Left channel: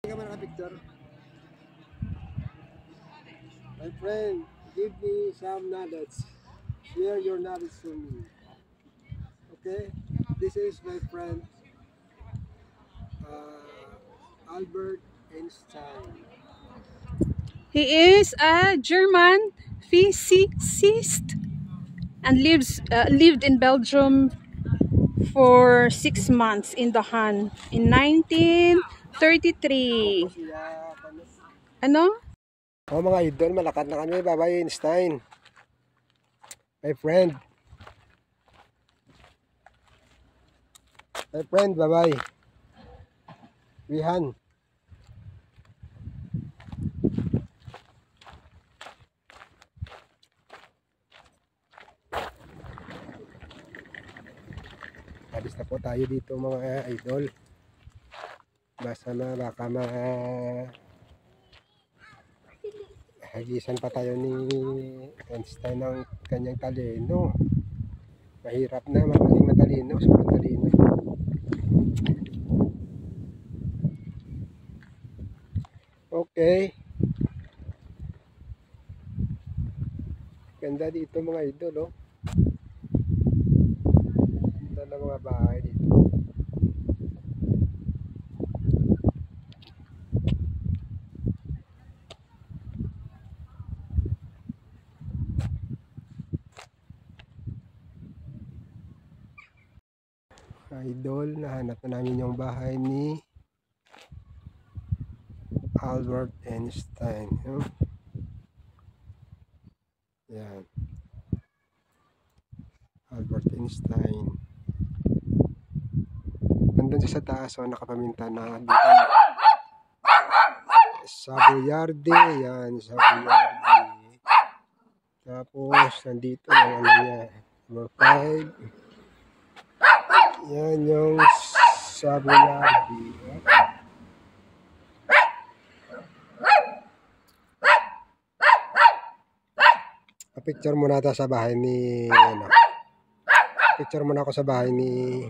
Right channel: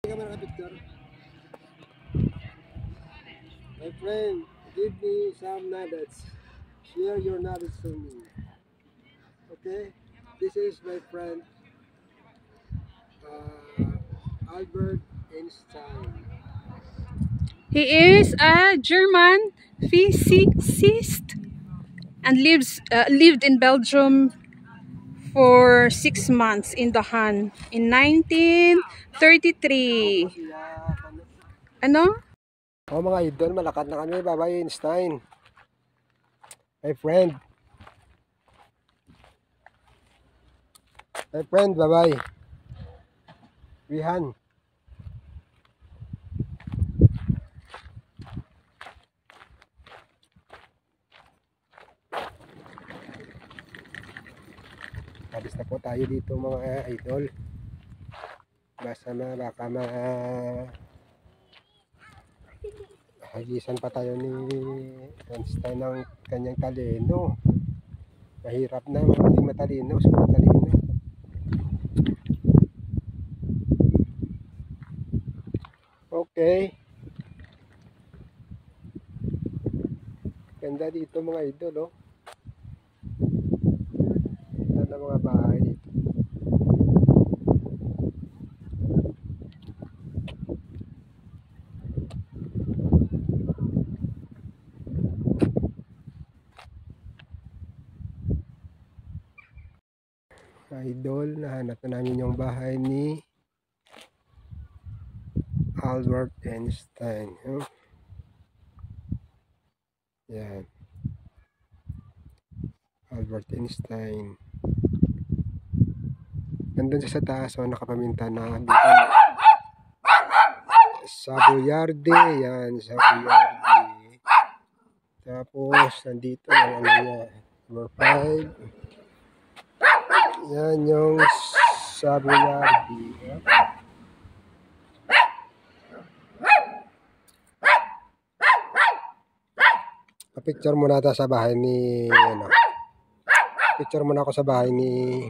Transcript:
Hindi ka man naka-picture. My friend, give me some nuggets. Share your nuggets to me. Okay? This is my friend Albert Einstein. He is a German physicist and lived in Belgium for 6 months in The Han in 1933. Ano? Oh mga idol, malakad na kami. Bye-bye Einstein. My friend. My friend, bye-bye. Rihan. Alis na po tayo dito mga idol. Basta na baka hagisan pa tayo ni Einstein ng kanyang talino. Mahirap na maging matalino, super talino. Okay. Ganda dito mga idol, oh. Ganda ng mga bahay dito. Idol, nahanap na namin yung bahay ni Albert Einstein. Yan. Albert Einstein. Nandun siya sa taas, so nakapaminta na dito. Savoyardi, yan, Savoyardi. Tapos, nandito yung ano niya, number 5. Yan yung Savoyardi. Pa-picture muna tayo sa bahay ni, ano, picture muna ako sa bahay ni